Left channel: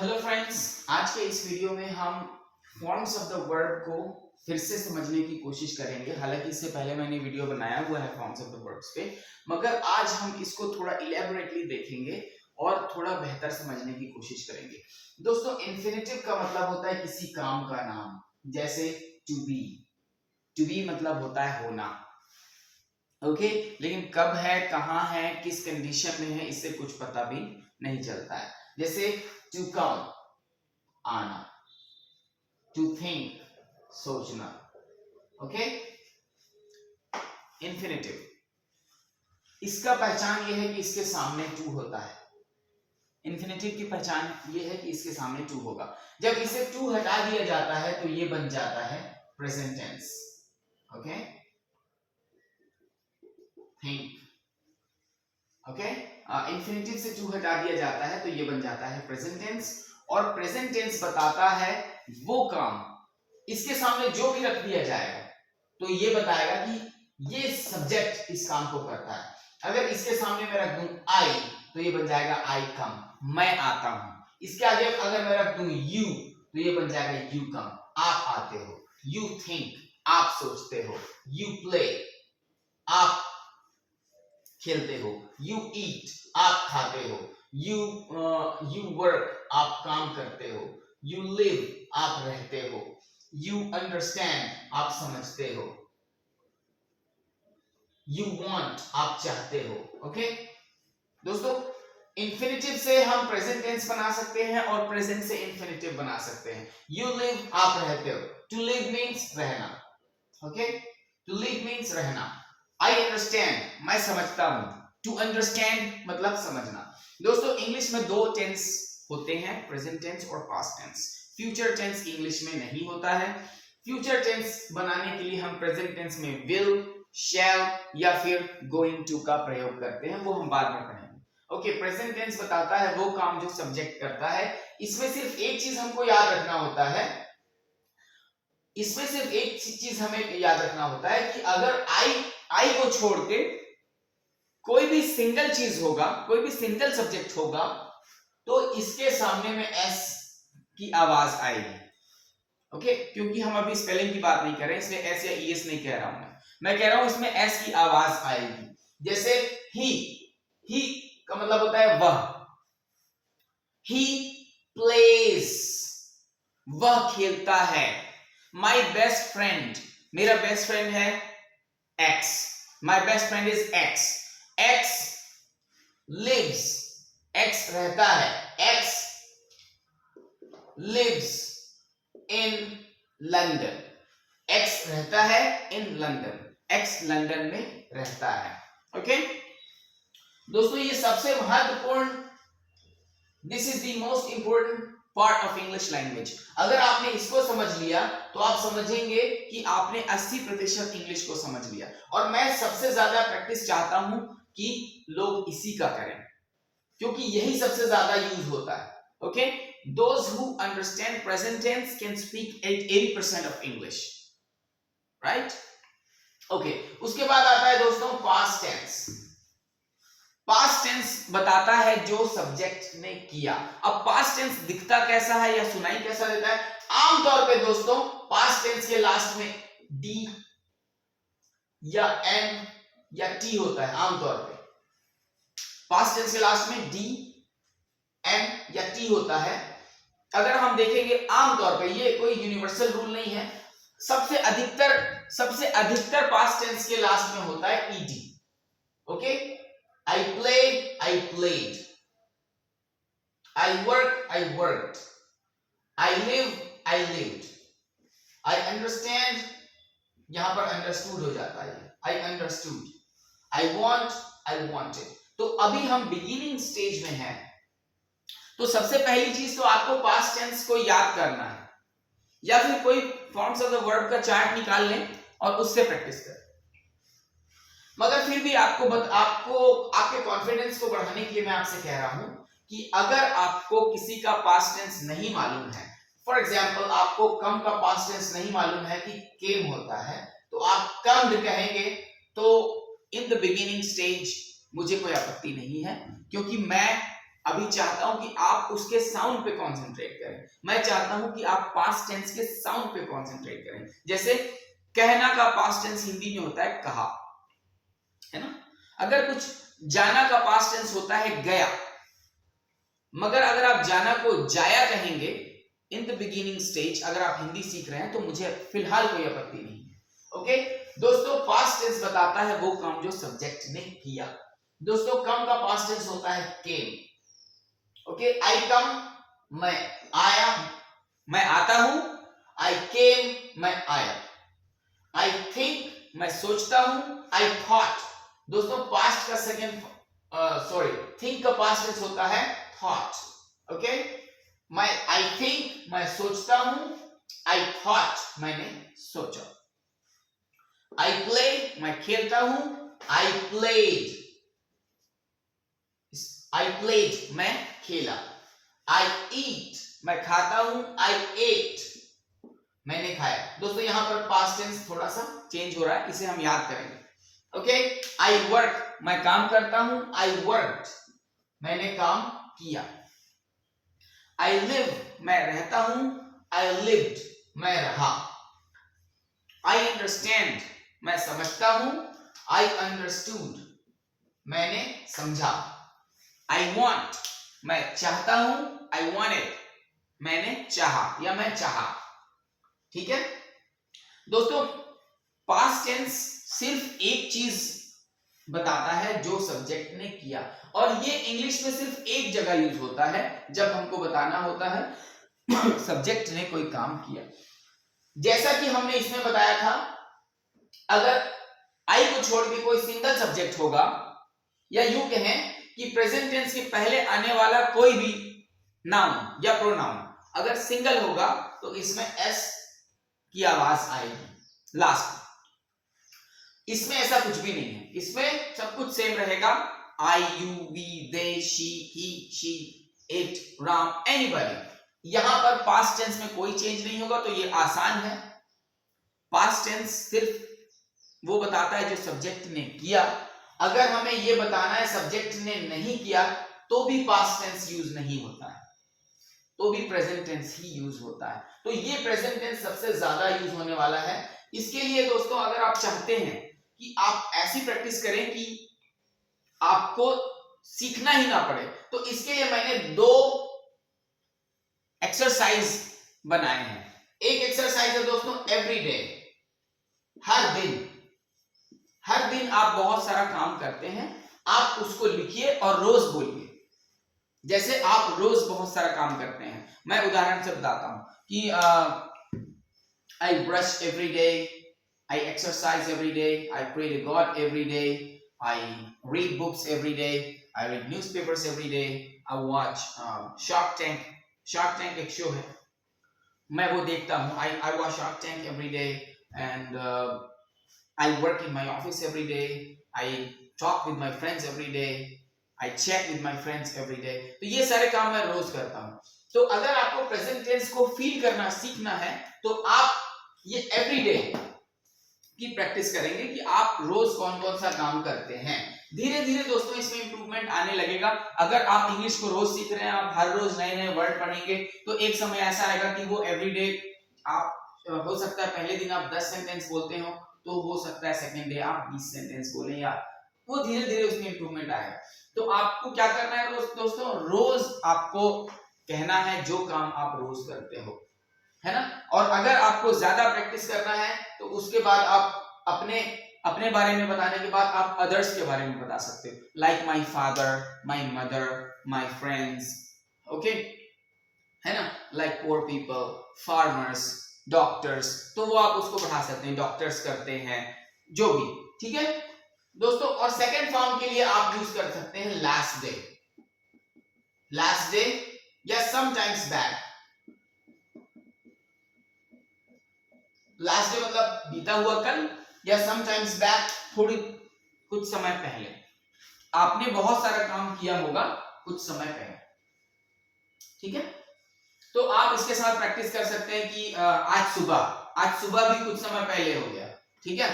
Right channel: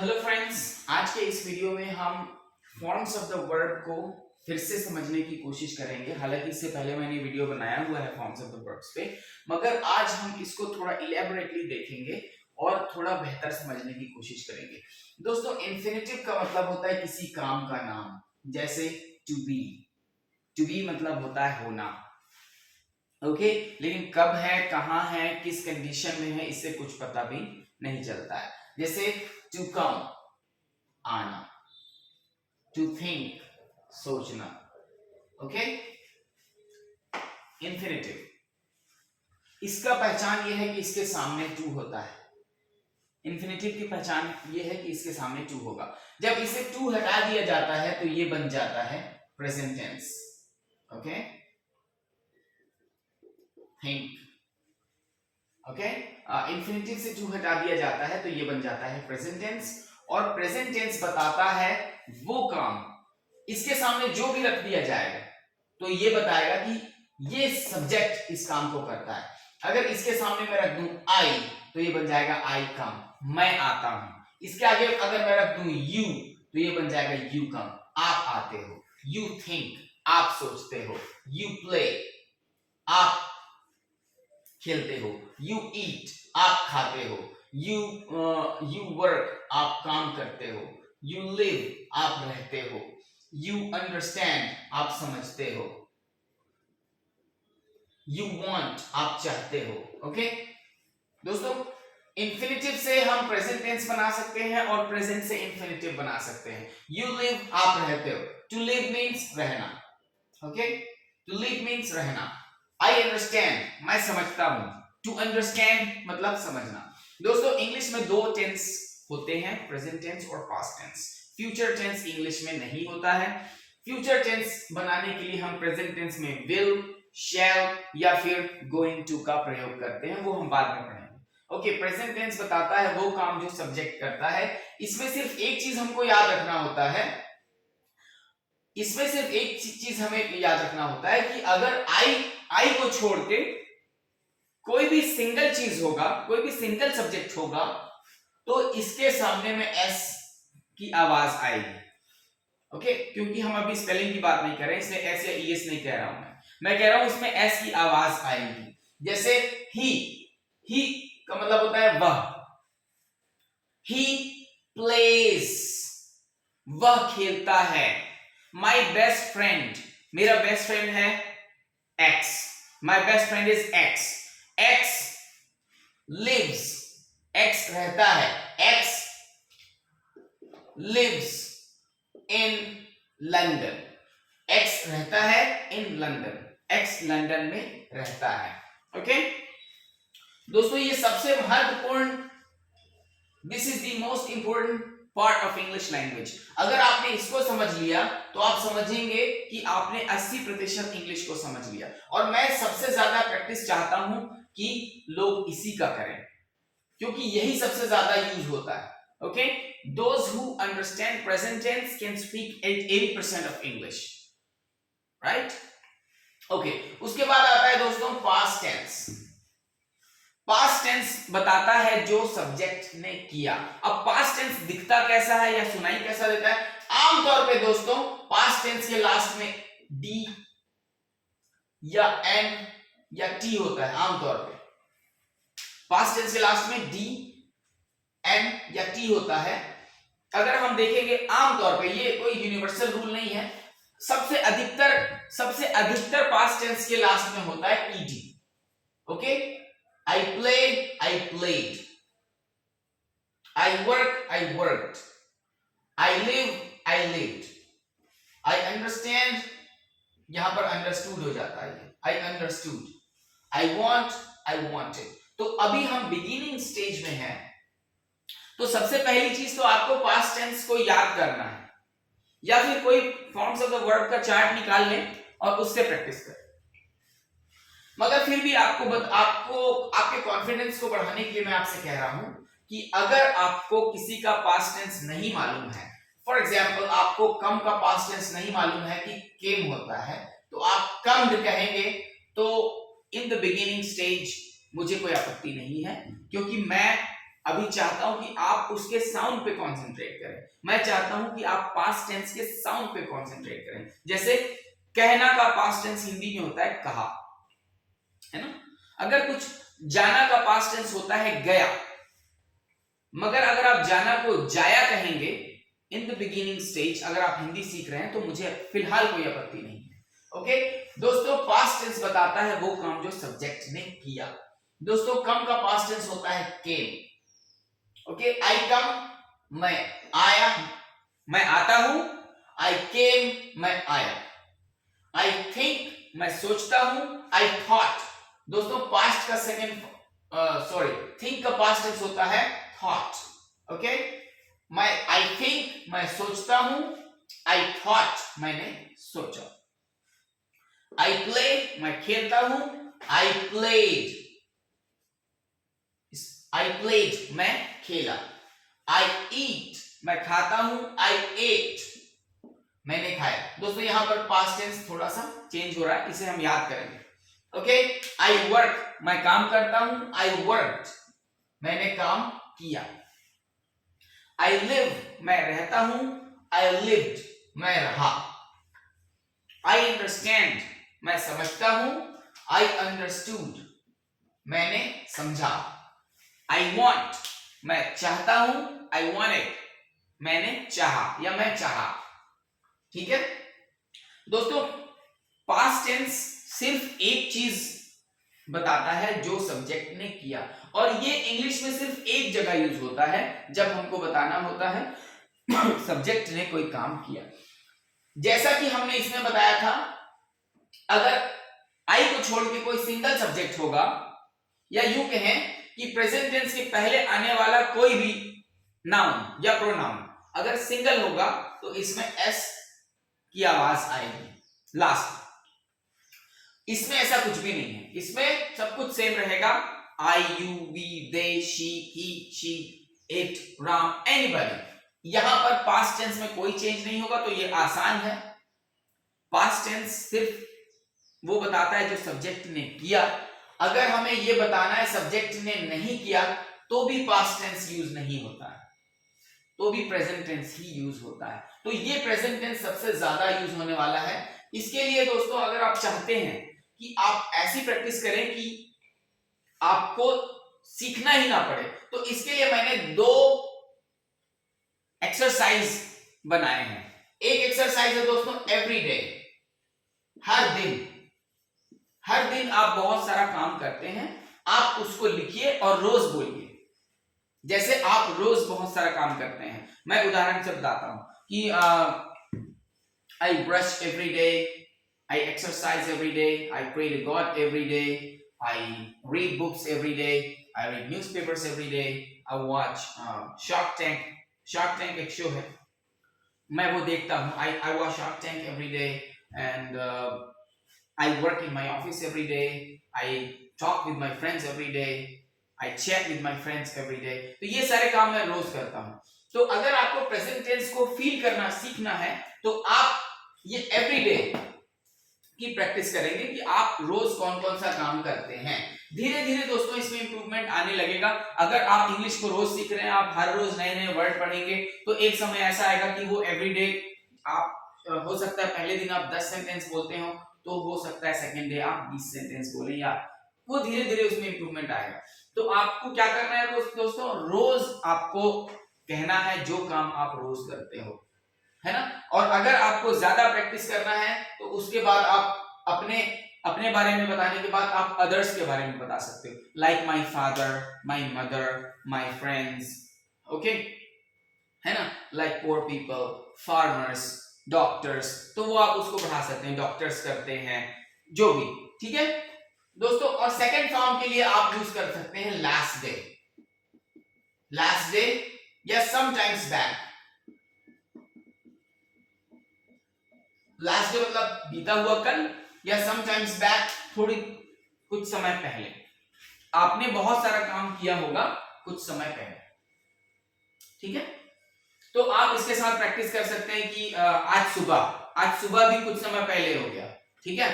Hello friends, आज के इस वीडियो में हम फॉर्म्स ऑफ द वर्ब को फिर से समझने की कोशिश करेंगे। हालांकि इससे पहले मैंने वीडियो बनाया हुआ है फॉर्म्स ऑफ द वर्ब्स पे, मगर आज हम इसको थोड़ा इलेबोरेटली देखेंगे और थोड़ा बेहतर समझने की कोशिश करेंगे। दोस्तों, इन्फिनेटिव का मतलब होता है किसी काम का नाम, जैसे टू बी। टू बी मतलब होता है होना, ओके। लेकिन कब है, कहाँ है, किस कंडीशन में है, इससे कुछ पता भी नहीं चलता है। जैसे टू कम, आना, टू थिंक, सोचना, ओके। इंफिनिटिव, इसका पहचान यह है कि इसके सामने टू होता है। इंफिनिटिव की पहचान यह है कि इसके सामने टू होगा। जब इसे टू हटा दिया जाता है तो ये बन जाता है present tense, okay. Think, okay. Infinitive से टू हटा दिया जाता है तो ये बन जाता है प्रेजेंट टेंस, और प्रेजेंट टेंस बताता है वो काम, इसके सामने जो भी रख दिया जाएगा तो ये बताएगा कि ये सब्जेक्ट इस काम को करता है। अगर इसके सामने मैं रख दूं आई तो ये बन जाएगा आई कम, मैं आता हूं। इसके आगे अगर मैं रख दूं यू तो ये बन जाएगा यू कम, आप आते हो। यू थिंक, आप सोचते हो। यू प्ले, आप खेलते हो। यू ईट, आप खाते हो। यू वर्क, आप काम करते हो। यू लिव, आप रहते हो। यू अंडरस्टैंड, आप समझते हो। यू वांट, आप चाहते हो, ओके। दोस्तों, इंफिनिटिव से हम प्रेजेंट टेंस बना सकते हैं और प्रेजेंट से इंफिनिटिव बना सकते हैं। यू लिव, आप रहते हो। टू लिव मीन्स रहना, ओके। टू लिव मीन्स रहना। आई अंडरस्टैंड, मैं समझता हूं। टू अंडरस्टैंड मतलब समझना। दोस्तों, इंग्लिश में दो टेंस होते हैं, प्रेजेंट टेंस और past tense. Future tense English में नहीं होता है। फ्यूचर टेंस बनाने के लिए हम प्रेजेंट टेंस में विल, शैल या फिर गोइंग टू का प्रयोग करते हैं, वो हम बाद में पढ़ेंगे, ओके। प्रेजेंट टेंस बताता है वो काम जो सब्जेक्ट करता है। इसमें सिर्फ एक चीज हमको याद रखना होता है, इसमें सिर्फ एक चीज हमें याद रखना होता है कि अगर आई को छोड़ के कोई भी सिंगल चीज होगा, कोई भी सिंगल सब्जेक्ट होगा, तो इसके सामने में एस की आवाज आएगी, ओके। क्योंकि हम अभी स्पेलिंग की बात नहीं कर रहे हैं, इसलिए एस या ईएस नहीं कह रहा हूं मैं कह रहा हूं इसमें एस की आवाज आएगी। जैसे ही का मतलब होता है वह। ही प्लेज, वह खेलता है। माई बेस्ट फ्रेंड, मेरा बेस्ट फ्रेंड है X. My best friend is X. X lives, X रहता है। X lives in London, X रहता है इन लंदन, एक्स लंदन में रहता है, ओके। दोस्तों, ये सबसे महत्वपूर्ण, this is the most important part of English language. अगर आपने इसको समझ लिया तो आप समझेंगे कि आपने 80% इंग्लिश को समझ लिया। और मैं सबसे ज्यादा प्रैक्टिस चाहता हूं कि लोग इसी का करें, क्योंकि यही सबसे ज्यादा यूज होता है, okay. Those who understand present tense can speak 80% of English, right? Okay. उसके बाद आता है दोस्तों past tense। पास्ट टेंस बताता है जो सब्जेक्ट ने किया। अब पास्ट टेंस दिखता कैसा है या सुनाई कैसा देता है? आमतौर पे दोस्तों पास्ट टेंस के लास्ट में डी या एन या टी होता है। आमतौर पे पास्ट टेंस के लास्ट में डी, एन या टी होता है। अगर हम देखेंगे आमतौर पे, ये कोई यूनिवर्सल रूल नहीं है, सबसे अधिकतर पास्ट टेंस के लास्ट में होता है ED, okay. I played, I played. I work, I worked. I live, I lived. I understand, यहां पर understood हो जाता है। I understood. I want, I wanted. तो अभी हम बिगिनिंग स्टेज में हैं, तो सबसे पहली चीज तो आपको पास्ट टेंस को याद करना है, या फिर कोई फॉर्म्स ऑफ द वर्ब का चार्ट निकाल लें और उससे प्रैक्टिस करें। मगर फिर भी आपको आपके कॉन्फिडेंस को बढ़ाने के लिए मैं आपसे कह रहा हूं कि अगर आपको किसी का पास्ट टेंस नहीं मालूम है, फॉर एग्जांपल आपको कम का पास्ट टेंस नहीं मालूम है कि केम होता है, तो आप कम्ड कहेंगे, तो इन द बिगिनिंग स्टेज मुझे कोई आपत्ति नहीं है, क्योंकि मैं अभी चाहता हूं कि आप उसके साउंड पे कंसंट्रेट करें। मैं चाहता हूं कि आप पास्ट टेंस के साउंड पे कंसंट्रेट करें। जैसे कहना का पास्ट टेंस हिंदी में होता है कहा, है ना। अगर कुछ जाना का पास्ट टेंस होता है गया, मगर अगर आप जाना को जाया कहेंगे इन द बिगिनिंग स्टेज, अगर आप हिंदी सीख रहे हैं तो मुझे फिलहाल कोई आपत्ति नहीं है। ओके दोस्तों, पास्ट टेंस बताता है वो काम जो सब्जेक्ट ने किया। दोस्तों कम का पास्ट टेंस होता है केम। ओके, आई कम, मैं आया, मैं आता हूं। आई केम, मैं आया। आई थिंक, मैं सोचता हूं। I thought. दोस्तों पास्ट का सेकंड थिंक का पास्ट टेंस होता है थॉट। ओके, आई थिंक, मैं सोचता हूं। आई थॉट, मैंने सोचा। आई प्ले, मैं खेलता हूं। आई प्लेड, मैं खेला। आई ईट, मैं खाता हूं। आई एट, मैंने खाया। दोस्तों यहां पर पास्ट टेंस थोड़ा सा चेंज हो रहा है, इसे हम याद करेंगे। ओके, आई वर्क, मैं काम करता हूं। आई वर्कड, मैंने काम किया। आई लिव, मैं रहता हूं। आई लिव्ड, मैं रहा। आई अंडरस्टैंड, मैं समझता हूं। आई अंडरस्टूड, मैंने समझा। आई वॉन्ट, मैं चाहता हूं। आई वॉन्टेड, मैंने चाहा या मैं चाहा। ठीक है दोस्तों, पास्ट टेंस सिर्फ एक चीज बताता है जो सब्जेक्ट ने किया, और ये इंग्लिश में सिर्फ एक जगह यूज होता है जब हमको बताना होता है सब्जेक्ट ने कोई काम किया। जैसा कि हमने इसमें बताया था, अगर आई को छोड़ के कोई सिंगल सब्जेक्ट होगा, या यूं कहें कि प्रेजेंट टेंस के पहले आने वाला कोई भी नाउन या प्रोनाउन अगर सिंगल होगा तो इसमें एस की आवाज आएगी लास्ट। इसमें ऐसा कुछ भी नहीं है, इसमें सब कुछ सेम रहेगा। I, you, we, they, she, he, she, it, Ram, anybody. यहां पर पास्ट टेंस में कोई चेंज नहीं होगा, तो ये आसान है। पास्ट टेंस सिर्फ वो बताता है जो सब्जेक्ट ने किया। अगर हमें ये बताना है सब्जेक्ट ने नहीं किया तो भी पास्ट टेंस यूज नहीं होता है, तो भी प्रेजेंट टेंस ही यूज होता है। तो ये प्रेजेंट टेंस सबसे ज्यादा यूज होने वाला है। इसके लिए दोस्तों अगर आप चाहते हैं कि आप ऐसी प्रैक्टिस करें कि आपको सीखना ही ना पड़े, तो इसके लिए मैंने 2 एक्सरसाइज बनाए हैं। एक एक्सरसाइज है दोस्तों एवरीडे, हर दिन आप बहुत सारा काम करते हैं, आप उसको लिखिए और रोज बोलिए। जैसे आप रोज बहुत सारा काम करते हैं, मैं उदाहरण से बताता हूं कि I brush every day, I exercise every day, I pray to God every day, I read books every day, I read newspapers every day, I watch Shark Tank. Shark Tank एक शो है, मैं वो देखता हूँ। I watch Shark Tank every day, and I work in my office every day, I talk with my friends every day, I chat with my friends every day. तो ये सारे काम मैं रोज करता हूँ। तो अगर आपको प्रेजेंट टेंस को फील करना सीखना है तो आप ये एवरीडे की प्रैक्टिस करेंगे कि आप रोज कौन कौन सा काम करते हैं। धीरे धीरे दोस्तों इसमें इंप्रूवमेंट आने लगेगा। अगर आप इंग्लिश को रोज सीख रहे हैं, आप हर रोज नए नए वर्ड पढ़ेंगे, तो एक समय ऐसा आएगा कि वो एवरीडे आप हो सकता है पहले दिन आप 10 सेंटेंस बोलते हो, तो हो सकता है सेकंड डे आप 20 सेंटेंस बोलें, या वो धीरे धीरे उसमें इंप्रूवमेंट आएगा। तो आपको क्या करना है दोस्तों, रोज आपको कहना है जो काम आप रोज करते हो, है ना। और अगर आपको ज्यादा प्रैक्टिस करना है तो उसके बाद आप अपने बारे में बताने के बाद आप अदर्स के बारे में बता सकते हो, like my father, my mother, my friends, okay, है ना, like poor people, farmers, doctors, तो वो आप उसको बढ़ा सकते हैं, डॉक्टर्स करते हैं, जो भी, ठीक है दोस्तों। और सेकंड फॉर्म के लिए आप यूज कर सकते हैं लास्ट डे या समटाइम्स बैक। लास्ट डे मतलब बीता हुआ कल, या समटाइम्स बैक थोड़ी कुछ समय पहले। आपने बहुत सारा काम किया होगा कुछ समय पहले, ठीक है। तो आप इसके साथ प्रैक्टिस कर सकते हैं कि आज सुबह भी कुछ समय पहले हो गया, ठीक है।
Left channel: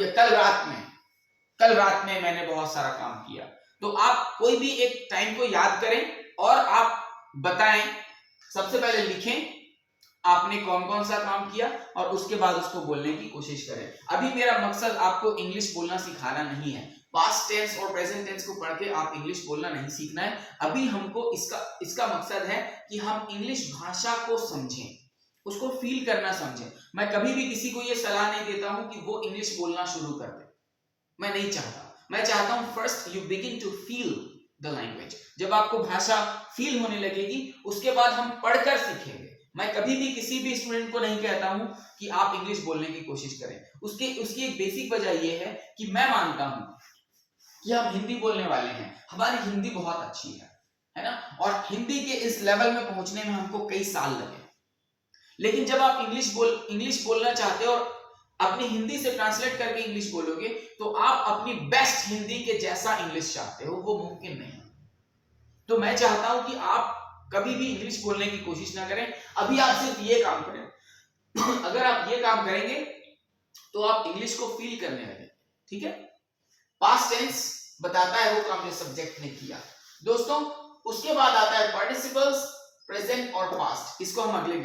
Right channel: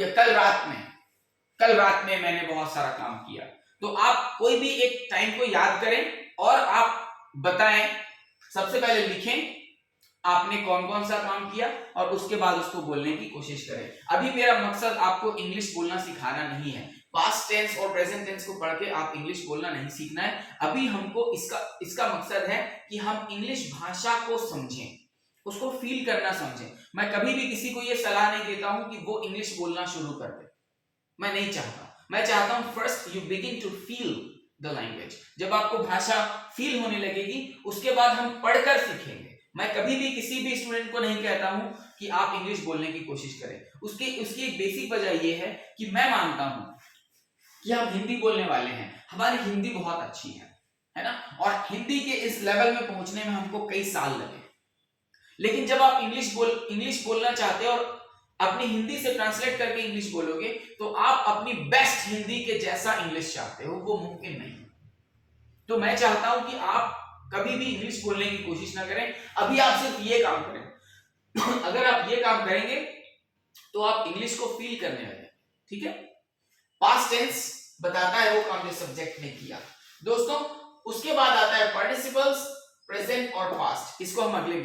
या कल रात में मैंने बहुत सारा काम किया। तो आप कोई भी एक टाइम को याद करें और आप बताएं, सबसे पहले लिखें आपने कौन कौन सा काम किया और उसके बाद उसको बोलने की कोशिश करें। अभी मेरा मकसद आपको इंग्लिश बोलना सिखाना नहीं है, पास्ट टेंस और प्रेजेंट टेंस को पढ़ के आप इंग्लिश बोलना नहीं सीखना है। अभी हमको इसका मकसद है कि हम इंग्लिश भाषा को समझें, उसको फील करना समझें। मैं कभी भी किसी को ये सलाह नहीं देता हूं कि वो इंग्लिश बोलना शुरू कर दे, मैं नहीं चाहता। मैं चाहता हूं first you begin to feel the language. जब आपको भाषा फील होने लगेगी उसके बाद हम पढ़कर सीखेंगे। मैं कभी भी किसी भी स्टूडेंट को नहीं कहता हूं कि आप इंग्लिश बोलने की कोशिश करें। उसकी एक बेसिक वजह यह है कि मैं मानता हूं कि हम हिंदी बोलने वाले हैं, हमारी हिंदी बहुत अच्छी है ना, और हिंदी के इस लेवल में पहुंचने में हमको कई साल लगे। लेकिन जब आप इंग्लिश बोलना चाहते हो और अपनी हिंदी से ट्रांसलेट करके इंग्लिश बोलोगे तो आप अपनी बेस्ट हिंदी के जैसा इंग्लिश चाहते हो, वो मुमकिन नहीं। तो मैं चाहता हूं कि आप कभी भी इंग्लिश बोलने की कोशिश ना करें। अभी आप सिर्फ ये काम करें अगर आप ये काम करेंगे तो आप इंग्लिश को फील करने लगे, ठीक है। पास्ट टेंस बताता है वो काम जो सब्जेक्ट ने किया। दोस्तों उसके बाद आता है पार्टिसिपल्स, प्रेजेंट और पास्ट। इसको हम अगले